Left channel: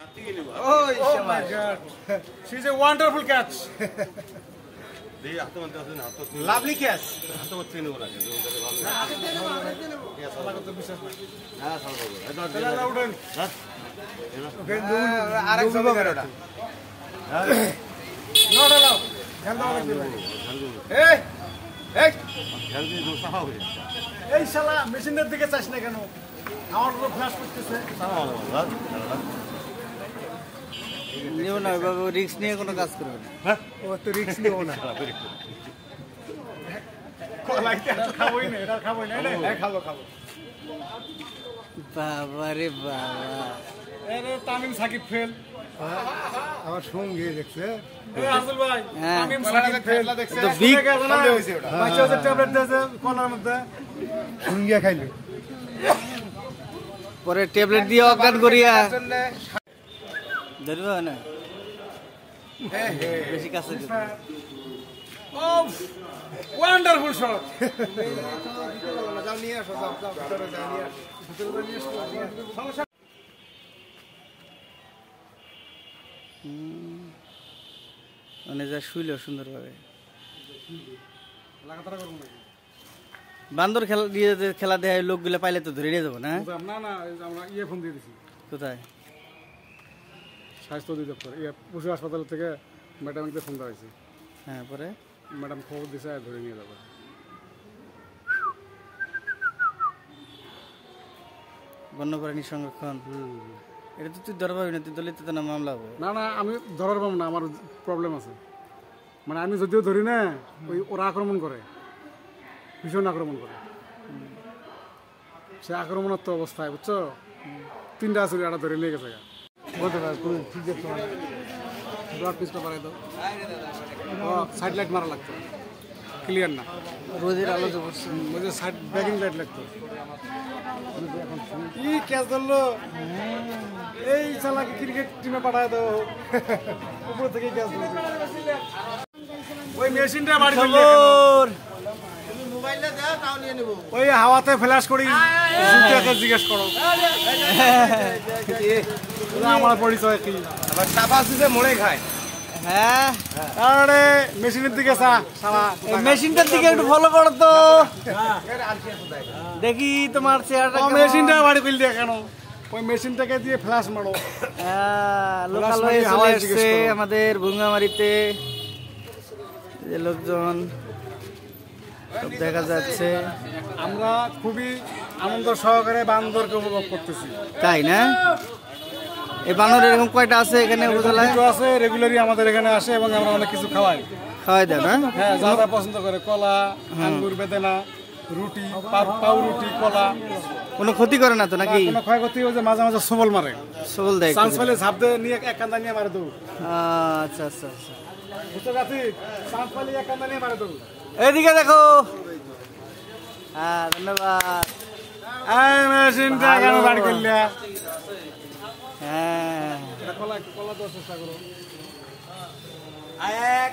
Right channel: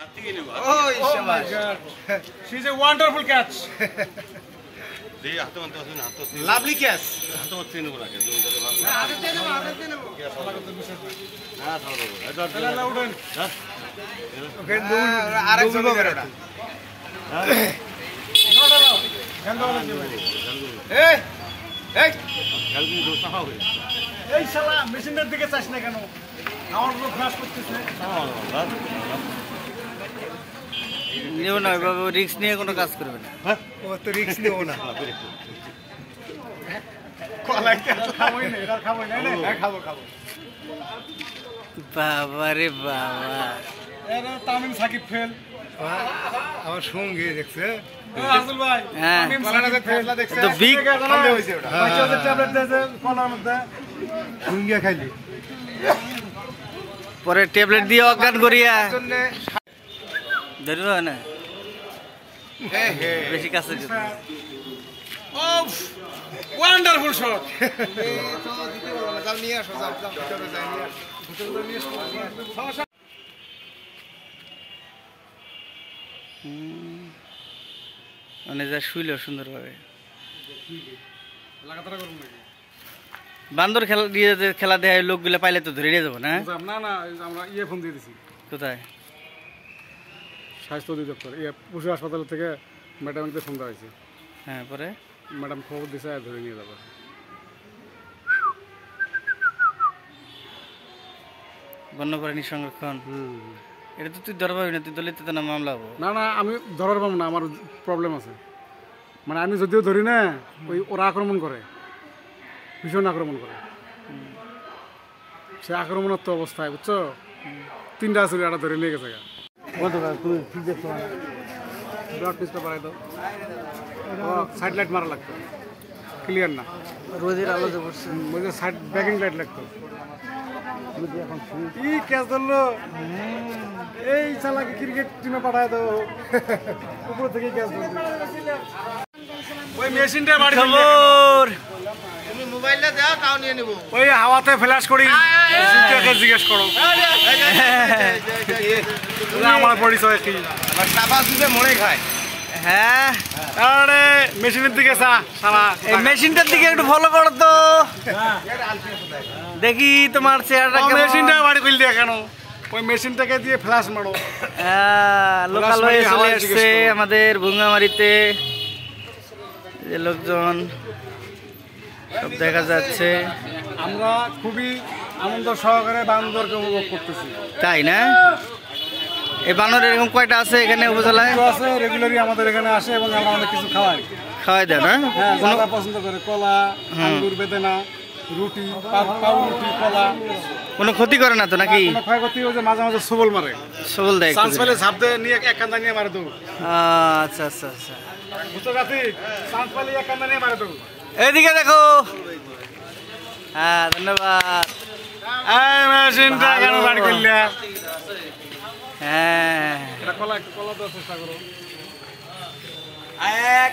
Oh, she's a wonderful catch. Lovely catch. এই শালা মেশিনের দিকে চাস না কেন? আমার লোক ক্রাশ করতেছে। নিও না, বাবা রিস্ক নিয়ে কোনো কাজ করবে না। ও তো রিস্ক নিও না। খাবোই না, এটা খাবো না। হ্যাঁ খাবো। বাবা রে বাবা, এটা তামিম সাকিব ফেল। আমার সঙ্গী দেখছে। রাসেল ভাই, হ্যাঁ তামিম সাকিব ফেল দেখছে। তো বিগ সন্দেহ হইছে ওটা। বাচ্চাদের ট্যাবলেট দিয়েছে কলার মধ্যে। সঙ্গিয়া খাইলি। পরে ট্যাবলেট দিয়ে অজ্ঞান করিয়া ধরবে না। বেশি কাছে ওয়ান্ডারফুল শট। মানে যা শুইল সুন্দরভাবে। বান্দর খেলা দেয় লোকগুলা পাইলে তো ধরে নিয়ে যাবো না। না না, আমরা ইয়ে ফোন দিয়ে দিছি। কোথায়? স্বাস্থ্য অধিদপ্তর পশু হাসপাতাল থেকে ম্যাডামকে ফোন দেওয়া হয়েছে। হ্যাঁ, পরে ম্যাডাম খবর দিছে, ধরে নিয়ে যাবো। বন্যপ্রাণী সংরক্ষণ, এটা তো তুই ধরা পাবি না, তুই দলিত না মামলা হবো। না না, আমি ধরার পাবো না, আমার প্রবলেম আছে। মানে আমি যদিও ধরি না, ওরা আক্রমণ করে, ভীষণ আক্রমণ করে। সে আক্রমণাত্মক অবস্থায়, বুঝছো? 3টা আসলে এটা ধরে নিয়ে গেছে। ব্লাড পিসটা বাড়াই দাও। সাইড লাইট মারা লাগতো, ক্লিয়ার না। রোদের আলো যে পড়ছে, সাইড ব্যাকিং লাইট লাগতো। কি ক্যাচ ধরলো! এই শালাকে ক্রিকেট টিমে পাঠায় দাও। উপর থেকে ক্যাচ ধরলো। ওই মেশিনটা বাড়ি খবর তুমি মোবাইলটা দাও, তাও নিয়ে নেব। ওই হাওয়াতে ফ্ল্যাশ করি, জিজ্ঞাকে জিজ্ঞেস করো। আমার পরিচয় কি? মনে খায়। হ্যাঁ, আরে মেশিনের দিকে সারা এই মেশিনটার দিকে একটু ফলো করো তো, দেখি তোমার চেহারাটা কেমন। মেশিনটা বাড়ি ফেল দিয়ে কেন? ওই মেশিনটাকে দিয়ে ফ্ল্যাশ মারো। লোকাল হয়ে চলে আসছে আমাদের ভুঙ্গামারিতে, যে লোকজন সব দেখা যাচ্ছে। আমরা খুবই আনন্দ সহকারে বান্দরকে উপভোগ করতেছি। তাই না? এই বানর এরকম কয়টা আছে এখানে উপজেলায়? আছে, রেগুলারই আমাদের এখানে আসে এবং আমরা অনেক কিছু খাওয়াই। খাওয়াই দেয় না? হ্যাঁ, যারা পছন্দ করে কলা, আঙ্গুর, বেদানা, রুটি, পাউরুটি, কলা। কোনো ক্ষতি করে না তো নাকি? কোনো ক্ষয়ক্ষতি হয়েছে, মাঝে মাঝে সবল মারে। সবল দেয়, চান্স পেলে ঝাঁপ দিয়ে নিয়ে এক কান্দা নিয়ে মারে দেবো। আচ্ছা আচ্ছা আচ্ছা, বুঝতে পারছি। চান্স পেলে এক কান্দা নিয়ে মারে দেবো। এইদিকে দেখো। হ্যাঁ, ধন্যবাদ। এই মেশিনটা কেন বাড়ি করলে? হ্যাঁ, কলা দেওয়ার চেষ্টা করো।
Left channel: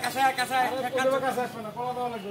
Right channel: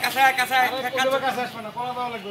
কাছে কাছে আসবে না, কলা দেওয়া লাগবে।